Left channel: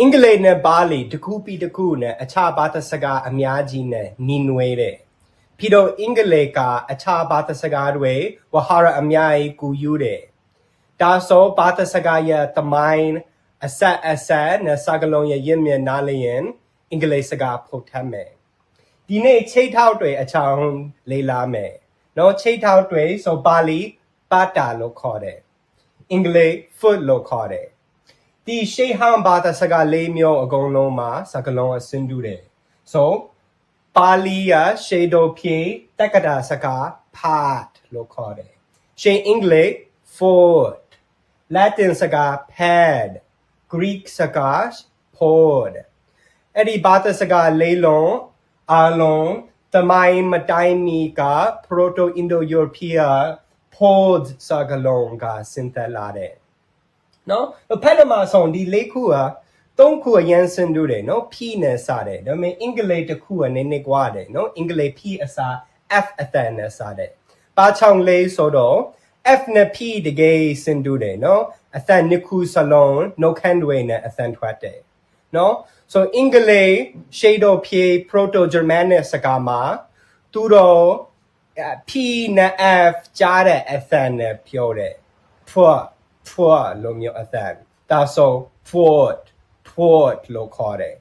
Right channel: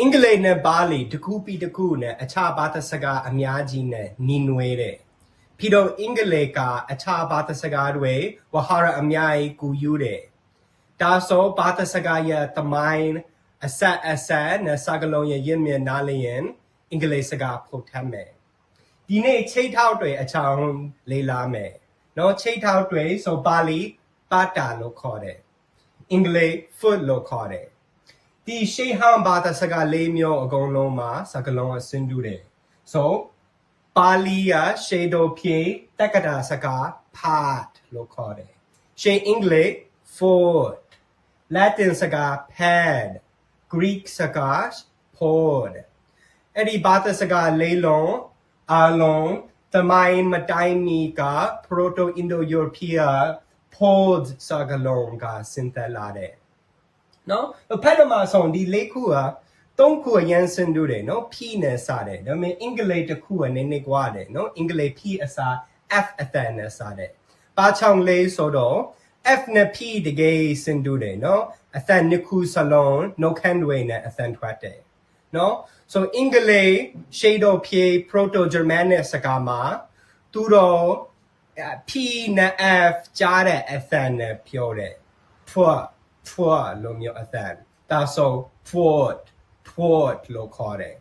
အင်္ဂလိပ်နဲ့ပါဠိတစ်ခုပြီးတစ်ခုနဲ့အခြားဘာသာစကားအများကြီးနဲ့ညီနွယ်တယ်ပြီးတော့အင်္ဂလိပ်ကအခြားဘာသာစကားတွေဝါဟာရအများကြီးကူယူတယ်ဒါဆိုဘာသာစကားရဲ့သမိုင်းအဆက်နဲ့စကားလုံးရဲ့ရင်းမြစ်နားလည်ရင်အင်္ဂလိပ်စကားဖို့ထမ်းမယ်ဒီနေ့ချိတ်ထောက်တွေအချောင်းလေးလာမယ်နော်ချိတ်ထောက်တွေဆိုပါဠိပါတာလို့ခေါ်တယ်အင်္ဂလိပ် foot လို့ခေါ်တယ်ဒီရှေးဟောင်းဘာသာစကားလေးမျိုးအကုန်လုံးမှာစကားလုံးအဆင်းတူတယ်ဆိုပါဠိရရှေးတော်ဖြေတက္ကတာစကား part လို့ခေါ်တယ်ရှေးအင်္ဂလိပ် foot Latin စကား pad Greek စကား pod အဲ့ဒီဘာသာစကားလေးလုံးအားလုံးသမိုင်းမတိုင်မီက Proto-Indo-European pod စကားလုံးကဆင်းသက်လာတယ်နော်ဖက်နမှာဆောင်ဒီလေးခုကသုံးခုအရင်ဆင်းတူတယ်နော် P နဲ့စတယ်ဒါပေမဲ့အင်္ဂလိပ်တစ်ခုကနည်းနည်းကွာတယ်နော်အင်္ဂလိပ် P အစား F အတန်နဲ့စတယ်ပါချောင်းလေးဆိုတော့ F နဲ့ P တကယ်ဆင်းတူတယ်နော်အတန်နှစ်ခုစလုံးနှုတ်ခမ်းတွေနဲ့အတန်ထွက်တယ်နော် so အင်္ဂလိပ်ရှေးတော်ဖြေ Proto-Germanic စကားမှာသူတို့ P နဲ့ F ကြားတဲ့အတန်နဲ့ပြောတယ် Pua လို့မျိုးအတန်ဒါဆို Fort လို့ခေါ်တယ်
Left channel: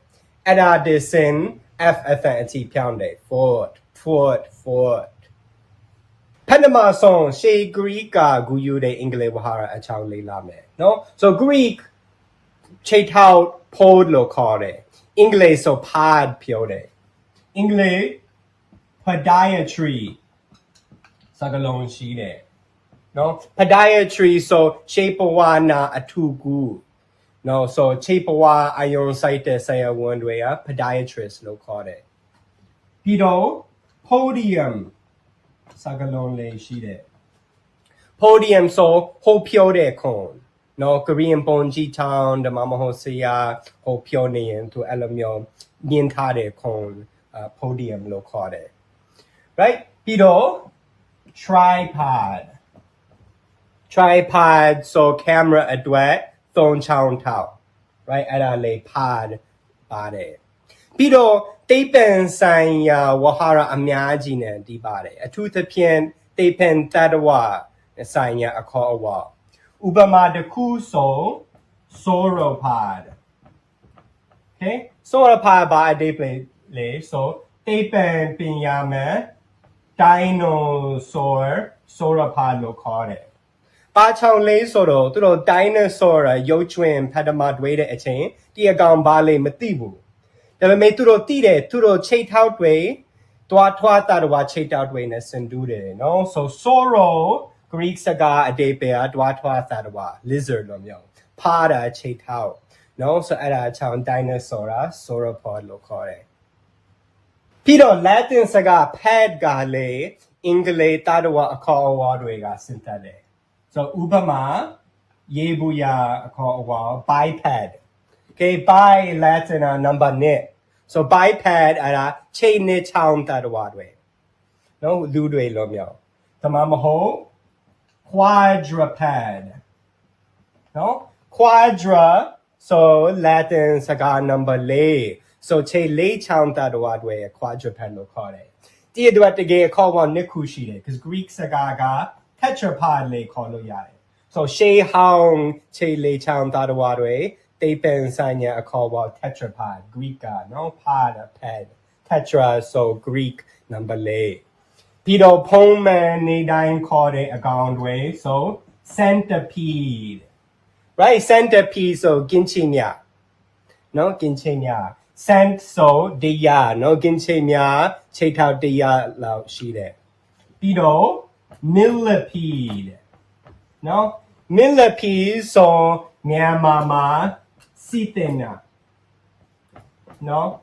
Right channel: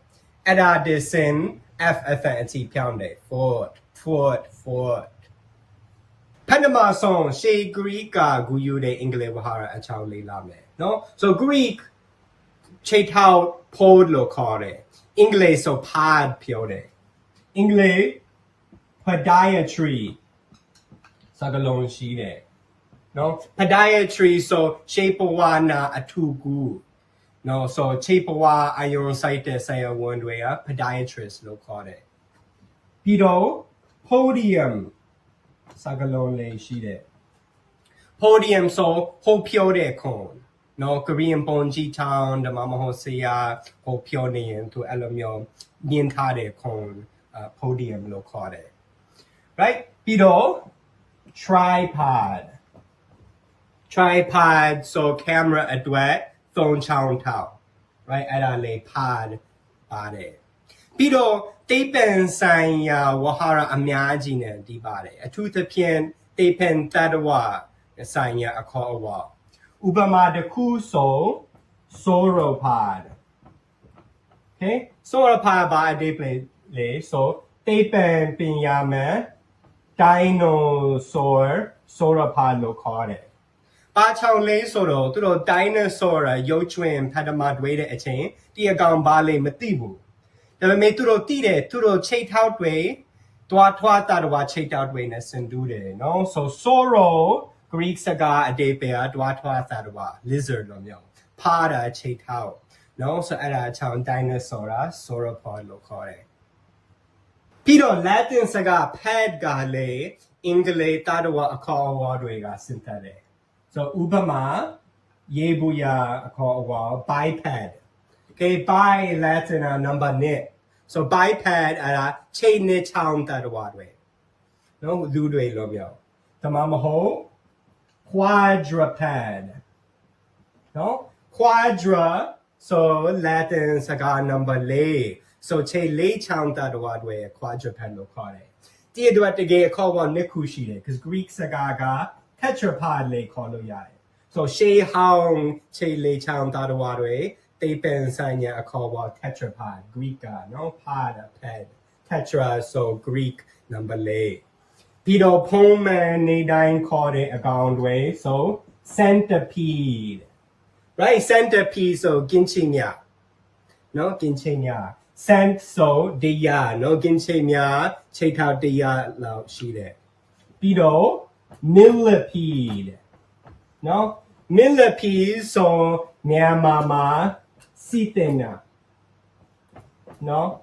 အဲ့ဒါဒီစင် F အတန်အထိပြောင်းတယ် Fort ဖက်နမဆောင်ရှေး Greek ကဂူယူတဲ့အင်္ဂလိပ်ဝါဟာရအချောင်းလေးလာမယ်နော် so Greek ချိတ်ထောက် pod လို့ခေါ်တယ်အင်္ဂလိပ်ဆို pad ပြောတယ်အင်္ဂလိပ် podiatry စကားလုံးရှိတယ်နော် podiatry ဆိုရှေးဘဝနာအထုကူနော် so ရှေးဘဝအယုံဆိုင်တဲ့ဆရာဝန်တွေက podiatrist လို့ခေါ်တယ်ပြီးတော့ podium စကားလုံးလေးရှိတယ် podium ဆိုဟိုပြောတဲ့ခွန်နော် Korean ပုံကြီးချောင်းဓမ္မမဟုတ်ဆရာဟိုပြောနေရင်သူအဲ့လိုမျိုးမြင်ထားတဲ့ခွန် podium လို့ခေါ်တယ် right ပြီးတော့ tripod so camera အတွက်သုံးချောင်းထောက် right အဲ့ဒါလေး pod ပါတယ်ပြီးတော့တေးပန်ဆိုင်ရာဝါဟာရအများကြီးနဲ့ဒီပါတယ်အထူးသဖြင့်တေးပန်တတဝဆိုင်ရာအခေါ်အဝေါ်ဥပမာတစ်ခုဆို sauropod okay sauropod ဘာအဓိပ္ပာယ်လဲဆိုတေးပန်ပညာမဲ့ dinosaur sauropod လို့ခေါ်တယ်ပါချောင်းလေးဆိုတော့သူတို့ dinosaur ရုပ်ချွင်းဖတ်တမတွေ့တဲ့အချိန်ဒီအကောင်ဘာလဲမသိဘူးဒါပေမဲ့သူတို့သိတယ်သူတို့ချိတ်ထောက်တွေတွားထွားတာတော့ချိတ်ထောက်တွေနဲ့ဆင်တူးတယ်နော် so sauro Greek စကားအဓိပ္ပာယ်တွားထွားတာတော့ lizard လို့မျိုးဖားတာချိတ်ထောက်နော် so အဲ့ဒါအချောင်း dinosaur sauropod လို့ခေါ်တယ်ပြီးတော့ Latin စကား pad ကလည်းအင်္ဂလိပ်တာတော့အခေါ်အဝေါ်တွေကဆင်သက်တယ်so ဥပမာယေဘူးယာအခေါ်အဝေါ် biped okay by Latin number 1 so biped အဲ့ဒါချိန်နေချောင်းတာတော့တွေနော်လူတွေလို့မျိုးဒါမှမဟုတ် quadrupedနော် quadra so Latin စကား number 4 so ချိန်လေးချောင်းတာတော့တွေ quadruped လို့ခေါ်တယ်ဒီအတွက်တကယ်အခေါ်အဝေါ်နှစ်ခုရှိတယ် because Greek စကားကtetrapod လေးခေါ်လို့ရတယ် so ရှေးဟောင်းခြေလေးချောင်းသားတော်တွေတေးပန်ဆိုင်ရာအခေါ်ပေါ် tetrapod Greek ကနော် pod pad tetra so Greek number 4ပြီးတော့ဖုံးမှန်နေတိုင်းခေါ်တဲ့အကောင်တွေ so centipede right centipede so ကင်းချင်မြနော်ကင်းချင်မြ cent so တရားနော်ကင်းချင်မြခြေထောက်တရားလောက်ရှိတယ်ပြီးတော့ millipede no millipede so Myanmar sitina no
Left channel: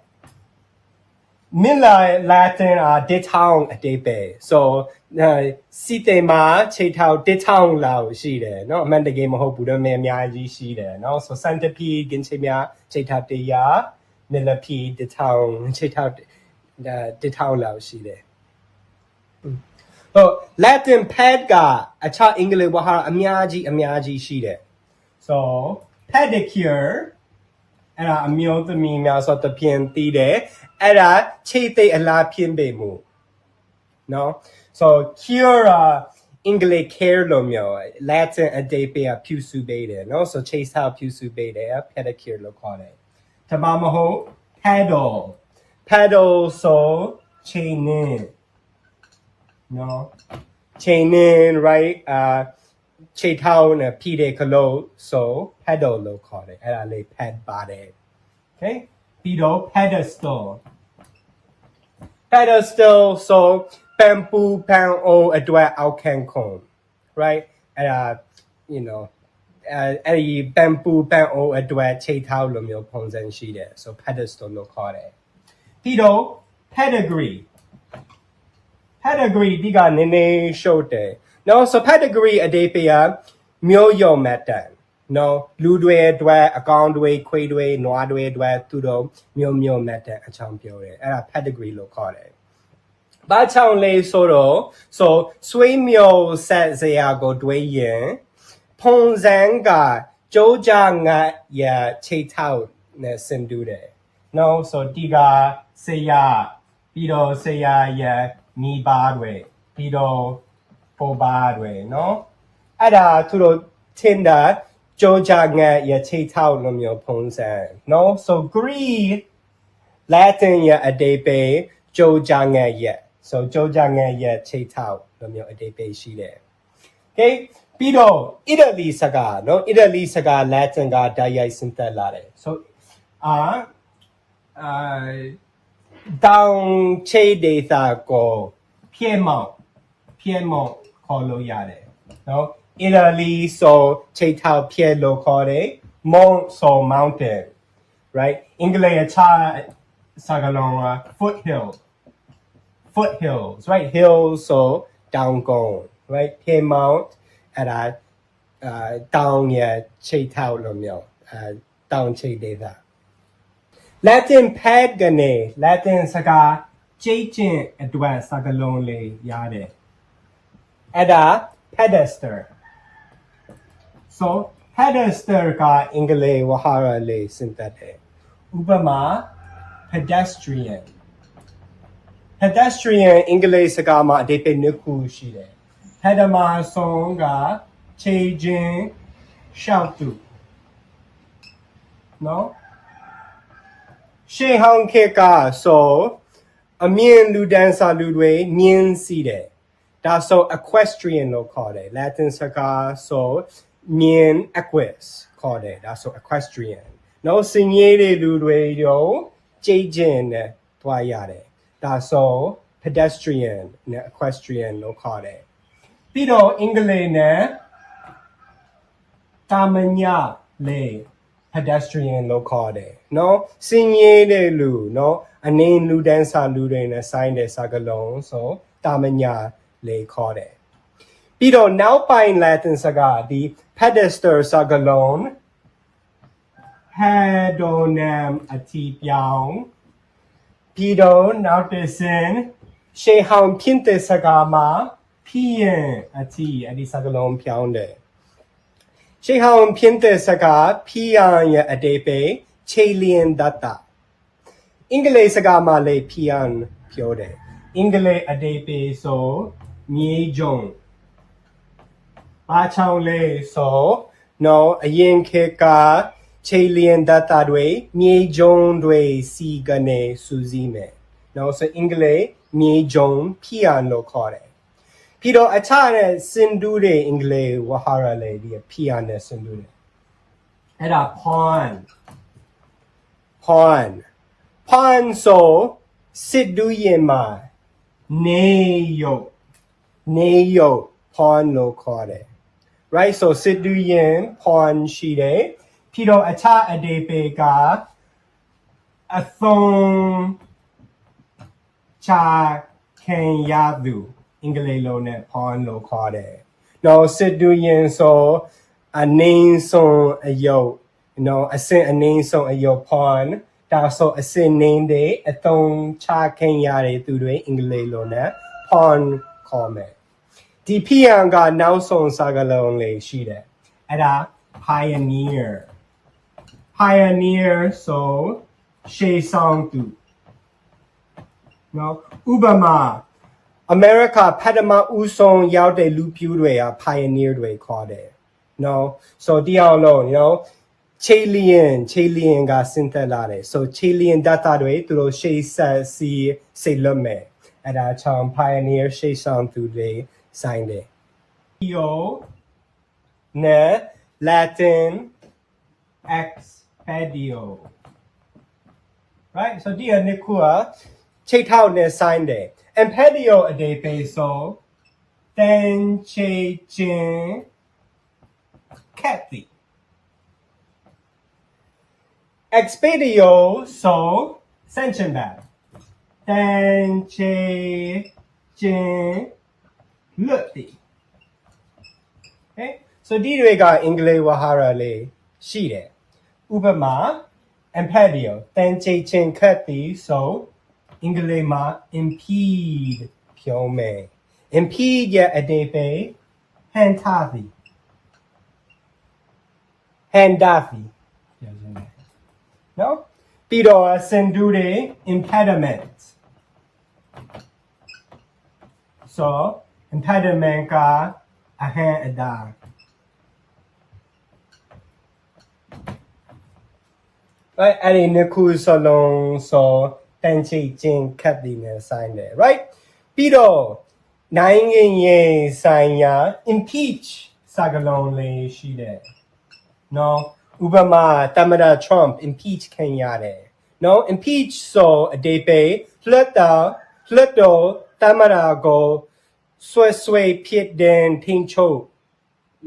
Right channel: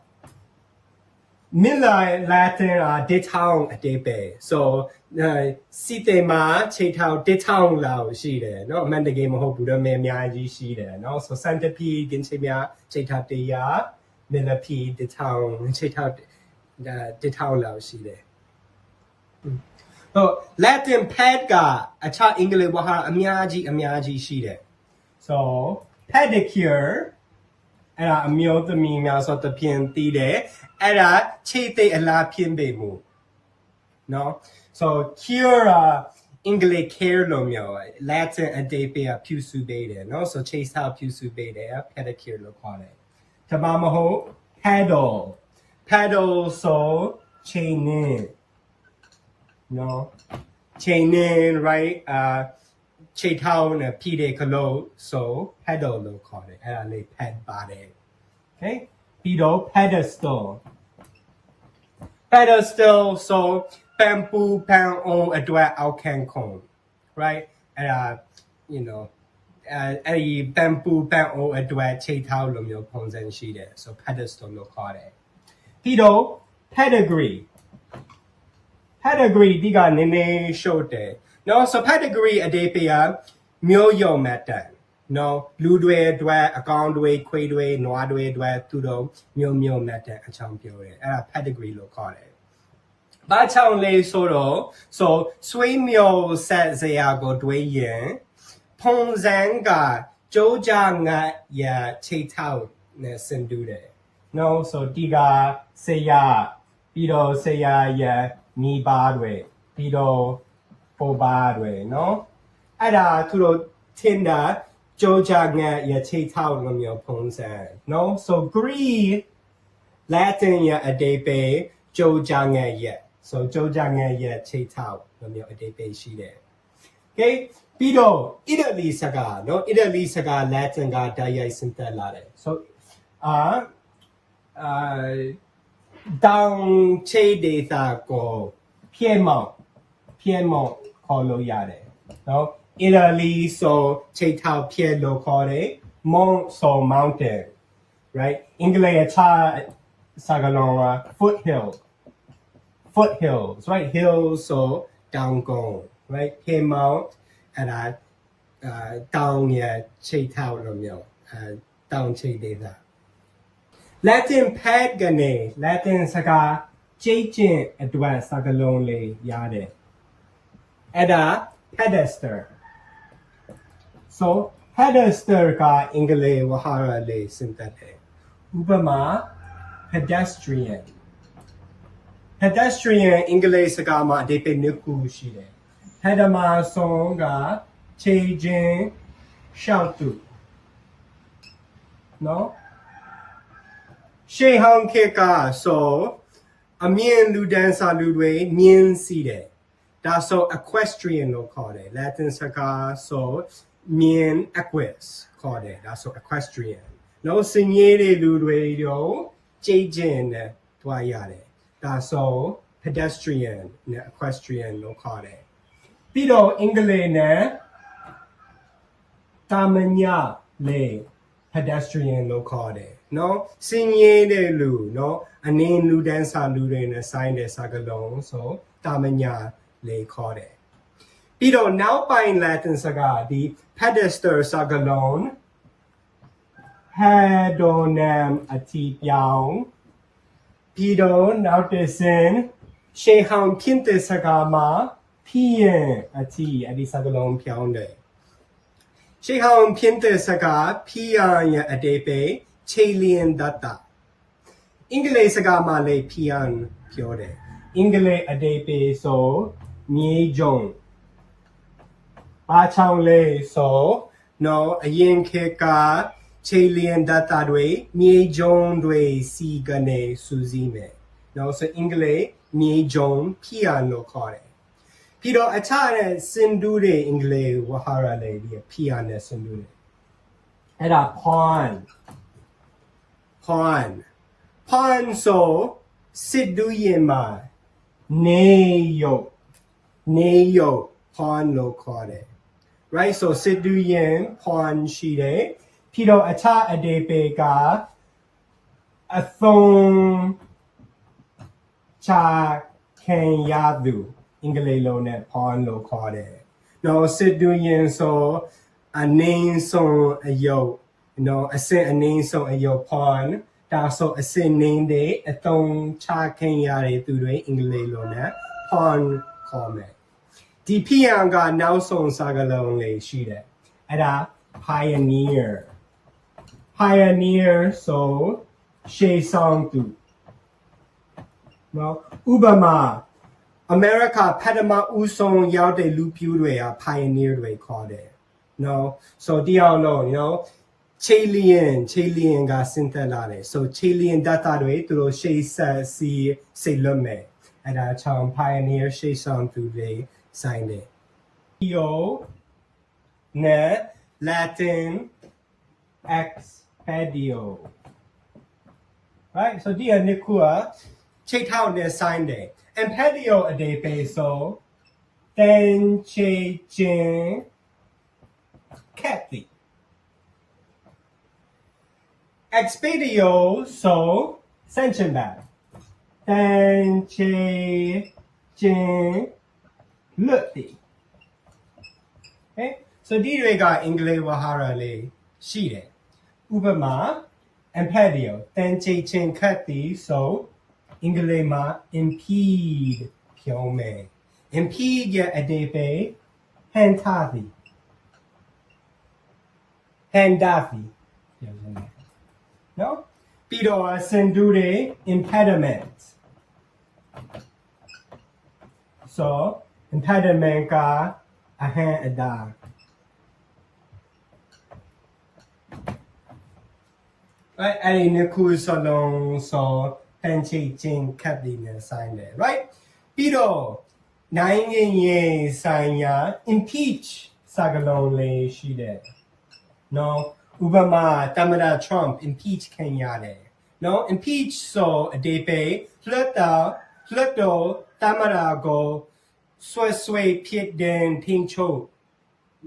milla Latin detown အတိပ္ပယ် so sitima ခြေထောက် detown လောက်ရှိတယ်เนาะအမှန်တကယ်မဟုတ်ဘူးတော့အများကြီးရှိတယ်เนาะ so centipede ကင်းချင်မြခြေထောက်တရား millipede detown ခြေထောက် detown လောက်ရှိတယ်Latin pad ကအခြားအင်္ဂလိပ်ဝါဟာရအများကြီးရှိတယ် so pedicure အဲ့ဒါအမျိုးသမီးများဆိုတပြင်းတည်တယ်အဲ့ဒါခြေသိအလားဖြစ်ပေမှုနော် so cure အင်္ဂလိပ် care လို့မျိုး Latin အဓိပ္ပာယ်ပြုစုပေးတယ်နော် so ခြေဆောက်ပြုစုပေးတယ် pedicure လို့ခေါ်တယ်ဒါမှမဟုတ် paddle ဆိုချိန်နေနော်ချိန်နေ right ခြေထောက်နဲ့ဖိတဲ့ကလို့ဆို paddle လို့ခေါ်တယ်အဲ့ဒါလေး pad ပါတယ် okay ပြီးတော့ pedestal so ပန်ပူပန်အိုအတွက်အောက်ခံခုံ right အဲ့ဒါ you know အဲ့ဒီပန်ပူပန်အိုအတွက်ခြေထောက်လိုမျိုးပုံစံရှိတယ် so pedestal လို့ခေါ်တယ်ပြီးတော့ pedigree ဒီကနည်းနည်းရှုပ်တယ်နော် so pedigree အဓိပ္ပာယ်မျိုးယုံမှတ်တမ်းနော်လူတွေအတွက်အကောင်တွေခွေးတွေနွားတွေအတွက်သူတို့မျိုးမှတ်တမ်းအကြောင်းပြောတယ်အဲ့ဒါ pedigree လို့ခေါ်တယ်ဘာကြောင့်လဲဆိုတော့ so ဆွေးမျိုးဆက်စရာကိုတွေးရင်ပုံစံကကြိုးကြငါရခြေထောက်နဲ့ဆင်တူတယ်နော် so ဒီကဆရာပြီးတော့ဆရာရမိဘတွေပြီးတော့ပေါ်ပါတွေနော်အဲ့ဒါသူတို့ထင်တာကြိုးကြငါရခြေထောက်လိုမျိုးပုံစံနော် so Greek Latin ရအဓိပ္ပာယ်ကြိုးကြငါရso ကြိုးကြငါရခြေထောက်လိုမျိုးအဓိပ္ပာယ်ရှိတယ် okay ပြီးတော့ Italy စကားနော် Italy စကား Latin ကတိုက်ရိုက်ဆင်းသက်လာတယ် so တောင်ခြေဒေသကိုပြည့်မောက်ခေါ်လို့ရတယ်နော် Italy ဆိုခြေထောက်ပြည့်လို့ခေါ်တယ် Mount ဆို mountain right အင်္ဂလိပ်အခြားစကားလုံးက foothills right hills ဆိုတောင်ကုန်း right ပြည့်မောက်အဲ့ဒါတောင်ရခြေထောက်လို့မျိုးတောင်ခြေဒေသLatin pad ကနေ Latin စကားကြိတ်ကျင့်အတွက်စကားလုံးလေးရတယ်အဲ့ဒါ pedestal so pedestal ကအင်္ဂလိပ်ဝဟာရလေးစင်သက်တယ်ဥပမာ pedestrian အင်္ဂလိပ်စကားမှာအဓိပ္ပာယ်နှစ်ခုရှိတယ် pedama ဆုံးကခြေချင်းရှောက်သူနော်ရှေးဟောင်းခေတ်ကဆိုအမြင့်လူဒန်းစာလူတွေမြင်းစီးတယ်ဒါဆို equestrian လို့ခေါ်တယ် Latin စကားဆိုမြင်း equus ခေါ်တယ်ဒါဆို equestrian နော်စင်ရေးတဲ့လူတွေရောကြိတ်ကျင်နဲ့တွားရတယ်ဒါဆို pedestrian နဲ့ equestrian လို့ခေါ်တယ်ပြီးတော့အင်္ဂလိပ်နဲ့တာမညာလေ pedestrian လို့ခေါ်တယ်နော်စင်ရေးတဲ့လူနော်အနေလူဒန်းစာလူတွေနဲ့ဆိုင်တဲ့စကားလုံးဆိုတာမညာလေခေါ်တယ်ပြီးတော့နောက်ပိုင်း Latin စကားဒီ pedestal စကားလုံး hedonym အတိပြောင်းပြီးတော့နောက်တစ်ဆင့်ရှေးဟောင်းဖြစ်တဲ့စကားမှာဖြစ်ရင်အတိအဲ့ဒီစကားလုံးပြောင်းတယ်ရှေးဟောင်းဖြစ်တဲ့စကားဖြစ်ရင်ရဲ့အဓိပ္ပာယ်ခြေလျင်တတ်တာအင်္ဂလိပ်စကားမှာလည်းဖြစ်ရင်ပြောတယ်အင်္ဂလိပ်အဓိပ္ပာယ်ဆိုမြေကြုံဘာချောင်းလဲဆိုနော်အရင်ခေတ်ကခြေလျင်တတ်တာတွေမြေကြုံတွေစီကနေစူးစီးမယ်နော်ဆိုအင်္ဂလိပ်မြေကြုံဖြစ်ရင်လို့ခေါ်တယ်ပြီးတော့အခြားတဲ့စင်တူတဲ့အင်္ဂလိပ်ဝဟာရလေးဒီဖြစ်ရင်နဲ့စင်တူတယ်အဲ့ဒါ pawn so စစ်တူရင်မှာနေရုပ် pawn လို့ခေါ်တယ် right so စစ်တူရင် pawn ရှိတယ်ပြီးတော့အခြားအဓိပ္ပာယ်ကအသုံးချခံရသူအင်္ဂလိပ်လိုနဲ့ pawn လို့ခေါ်တယ်နော်စစ်တူရင်ဆိုအနည်းဆုံးအယုတ်နော်အစစ်အနည်းဆုံးအယုတ် pawn ဒါဆိုအစစ်နင်းတဲ့အသုံးချခံရတဲ့သူတွေအင်္ဂလိပ်လိုနဲ့ pawn ခေါ်မယ်ဒီဖြစ်ရင်ကနောက်ဆုံးစကားလုံးလေးရှိတယ်အဲ့ဒါ pioneer pioneer ဆိုရှေးဆောင်သူနော်ဥပမာအမေရိကဖက်ဒမဦးဆုံးရောက်တဲ့လူပြူတွေက pioneer တွေခေါ်တယ်နော် so ဒီအောင်လို့ you know Chilean ကစဉ်းသက်လာတယ် so Chilean data တွေသူတို့ရှေးဆက်စီစိတ်လွတ်မယ်အဲ့ဒါချောင်း pioneer ရှေးဆောင်သူတွေဆိုင်တယ် Yo နဲ့ Latin expedio right so ဒီအနစ်ခုကချိတ်ထောက်နဲ့ဆိုင်တယ် expedio အဓိပ္ပာယ်ဆိုတန်ချေချင်းခက်တီ expedio so sanction back တန်ချေချင်းလွတ်တီ okay so ဒီတွေကအင်္ဂလိပ်ဝါဟာရလေးရှိတယ်ဥပမာ expedio တန်ချေချင်းခက်တီ so အင်္ဂလိပ်မှာ impede ဖြုံးမယ် impede ရဲ့အဓိပ္ပာယ်ဟန်ထားသည် handafi ပြောရမယ်နော်ပြီးတော့စင်တူတွေ impediment so impediment ကအဟံအတာအဲ့ဒီနှစ်ခုစလုံးဆိုတန်ချိတ်ချင်းခတ်ပြီးနေဆိုင်တယ် right ပြီးတော့နိုင်ငံရေးဆိုင်ရာ impeach စကားလုံးလေးရှိတယ်နော်ဥပမာသမ္မတ Trump impeach ခံရတယ်နော် impeach ဆိုအဓိပ္ပာယ်လွှတ်တော်သမ္မတကိုဆွဲဖြစ်တဲ့ထိန်းချုပ်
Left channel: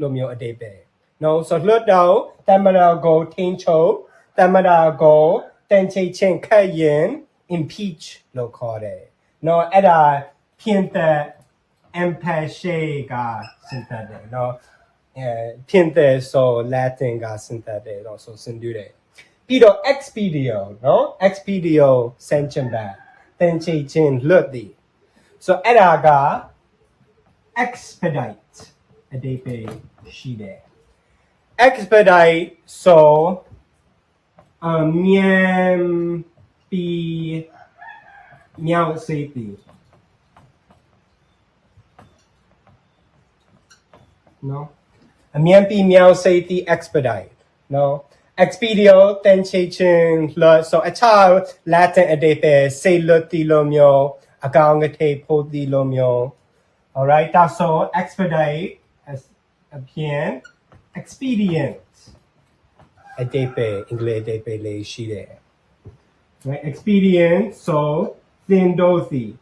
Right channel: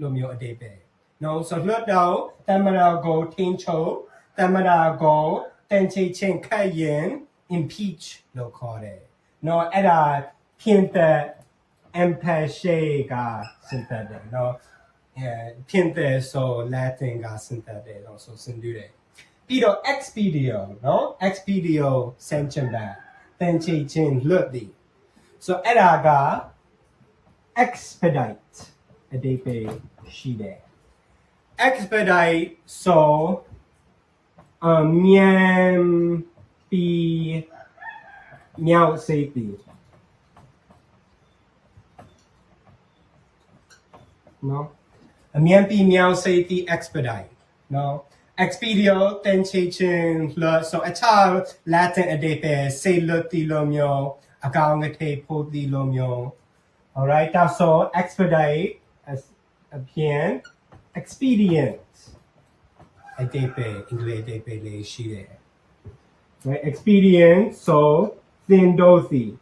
လိုမျိုးအဓိပ္ပာယ်နော်ဆိုလွှတ်တော်သမ္မတကိုထိန်းချုပ်သမ္မတကိုတန်ချိတ်ချင်းခတ်ရင် impeach လို့ခေါ်တယ်နော်အဲ့ဒါဖြစ်တဲ့ empathy ကစဉ်းစားတယ်နော်ဖြစ်တဲ့ဆို Latin ကစဉ်းစားတယ်တော့ဆိုစဉ်းတူတယ်ပြီးတော့ expedio နော် expedio sanction back တန်ချိတ်ချင်းလွတ်သည် so အဲ့ဒါက expedite အဓိပ္ပာယ်ရှိတယ် expedite so မြန်ပြီးမြောက်စေသည်နော်အမြန်ပြီးမြောက်စေသည် expedite နော် expedio တန်ချိတ်ချင်းလွတ် so အခြား Latin အဓိပ္ပာယ်စေလွတ်သည်လိုမျိုးအကောင်အထည်ဖို့သည်လိုမျိုး alright ဒါဆို expedite အပြင် expedient အဓိပ္ပာယ်အင်္ဂလိပ်အဓိပ္ပာယ်လေးရှိတယ် right expedient so သင်္တိုသည်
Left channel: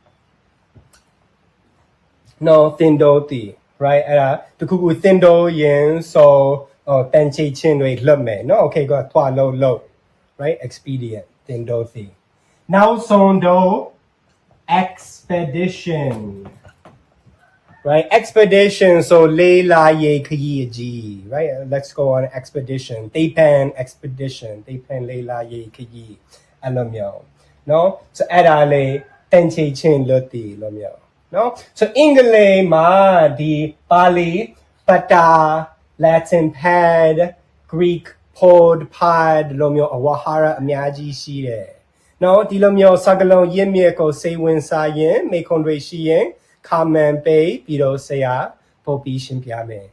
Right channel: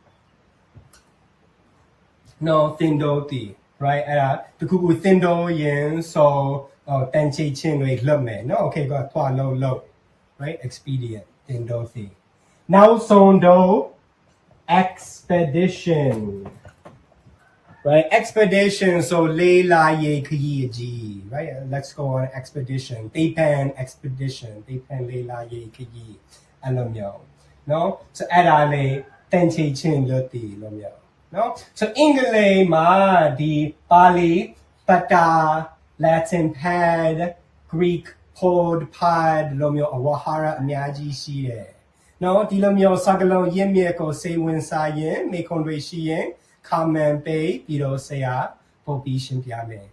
no သင်္တိုသည် right အဲ့ဒါတခုခုသင်္တိုရင် so တန်ချိတ်ချင်းတွေလွတ်မယ်နော် okay ကထွာလို့ right expedient သင်္တိုသည်နောက်ဆုံးတော့ expedition right expedition so လေးလာရေးခရီးကြီး right let's go on expedition တေးပန် expedition တေးပန်လေးလာရေးခရီးအဲ့လိုမျိုးနော် so အဲ့ဒါလေးတန်ချိတ်ချင်းလွတ်သည်လိုမျိုးနော် so အင်္ဂလိပ်မှာဒီပါဠိပတာ Latin pad Greek pod pad လိုမျိုးအဝါဟာရအများကြီးရှိတယ်နော်ဒီလိုမျိုးစကားလုံးရင်းမြစ်ကိုစိတ်ဝင်စားရင်မိခွန်တွေရှိရင် comment ပေးပြီးတော့ဆရာပို့ပြီးရှင်းပြမယ်